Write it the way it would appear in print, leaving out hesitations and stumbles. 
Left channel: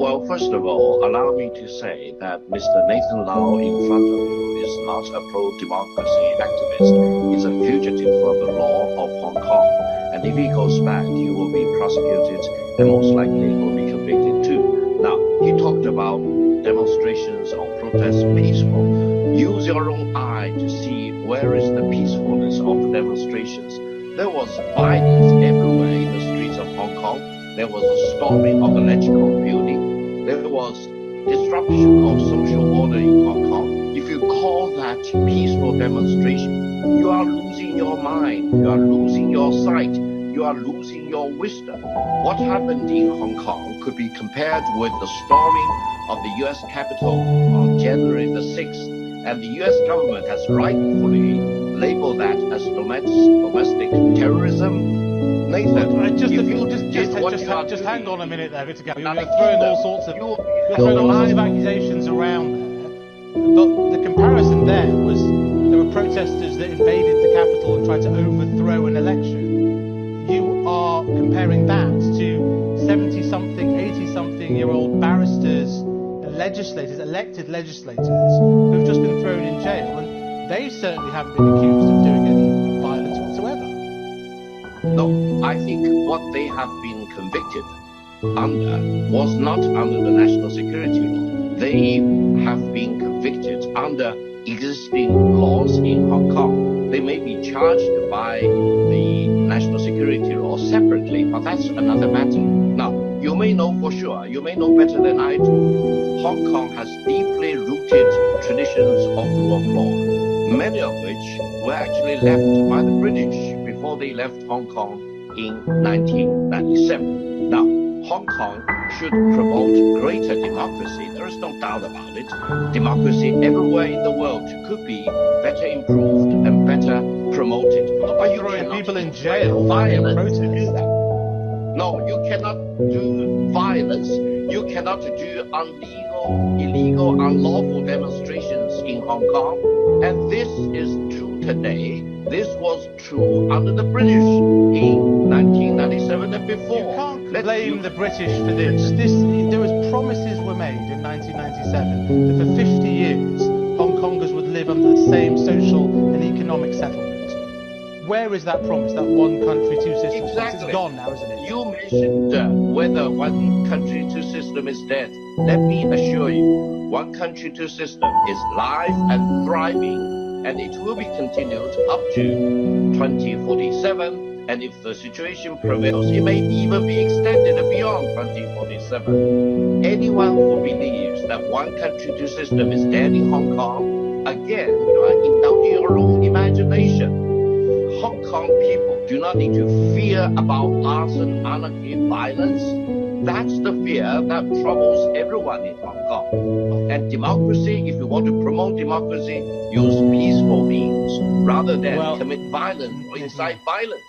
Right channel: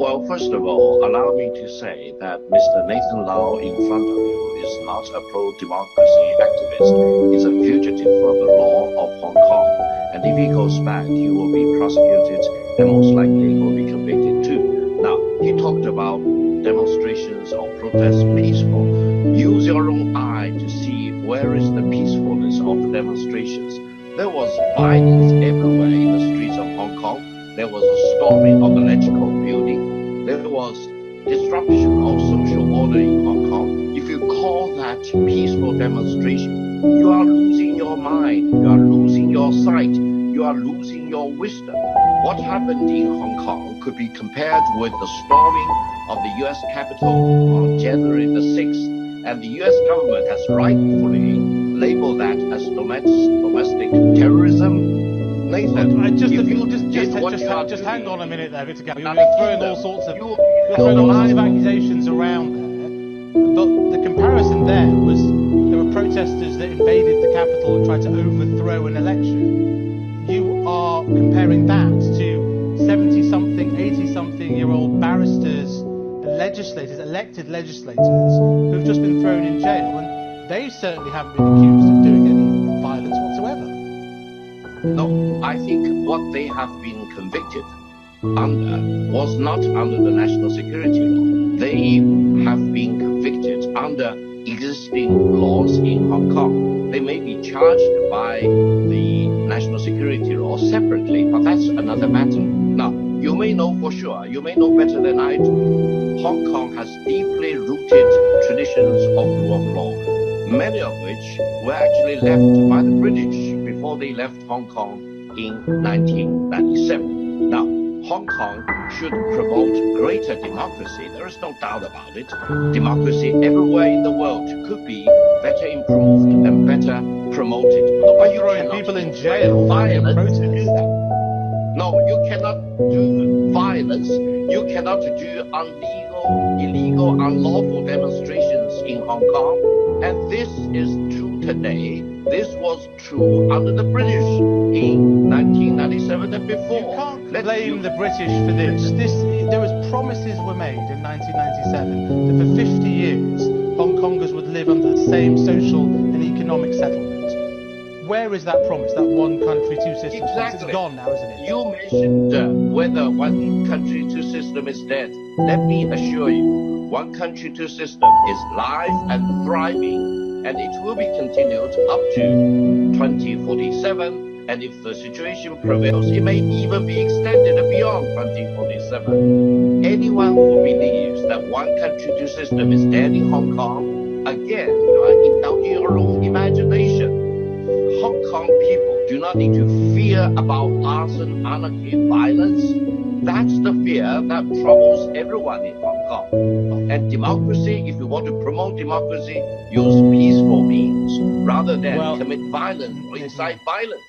Well, first of all, allow me to say that Mr. Nathan Lau in front of you is not a pro-democracy activist. He's a fugitive from the law of Hong Kong. And if he goes back, he will be prosecuted and most likely he will be convicted too. Now, he talked about demonstrations or protests peaceful. Use your own eye to see where is the peacefulness of the demonstrations. There was violence everywhere in the streets of Hong Kong. There was a storming of the electrical building. There was disruption of social order in Hong Kong. If you call that peaceful demonstration, you are losing your mind, you are losing your sight, you are losing your wisdom. What happened in Hong Kong could be compared with the storming of the U.S. Capitol on January the 6th, and the U.S. government has rightfully labeled that as domestic terrorism. Nathan, just hang on a minute there, Victor Gao. You're throwing all sorts of accusations around there. But the comparison there was there were protesters that invaded the Capitol and tried to overthrow an election. You are comparing that to 70-something, 80-something-year-old barristers and legislators, elected legislators, who've just been thrown in jail, and they certainly haven't been accused of doing any violence whatsoever. No, I think what they have been convicted under was not under the national security law. They have been convicted under existing laws in Hong Kong. They may be charged by the national security law separately, but that's another matter. Now, you may know for sure, you may know better than I do, Hong Kong has deeply rooted traditions of rule of law, many of which were actually left by the British before they left Hong Kong in 1997. Now, Hong Kong should promote greater democracy. There is no doubt about it. Democracy everywhere in the world could be better improved and better promoted. But you cannot people in jail violence to do that. No, you cannot do violence. You cannot do illegal, unlawful demonstrations in Hong Kong. And this is true today. This was true under the British in 1997 and before. You can't blame the British for this. There was promises were made in 1997 that for 50 years Hong Kongers would live under the same social and economic settlement. Where is that promise, that one country, two systems? Exactly. It's gone now, isn't it? You mentioned whether one country, two system is dead. Let me assure you, one country, two system is live and thriving, and it will be continued up to 2047. And if the situation prevails, it may even be extended beyond 2047. Anyone who believes that one country, two system is dead in Hong Kong, again, you are indulging your own imagination. Hong Kong people do not need to fear about arson, anarchy, violence. That's the fear that troubles everyone in Hong Kong. And democracy, if you want to promote democracy, use peaceful means rather than commit violence or incite violence.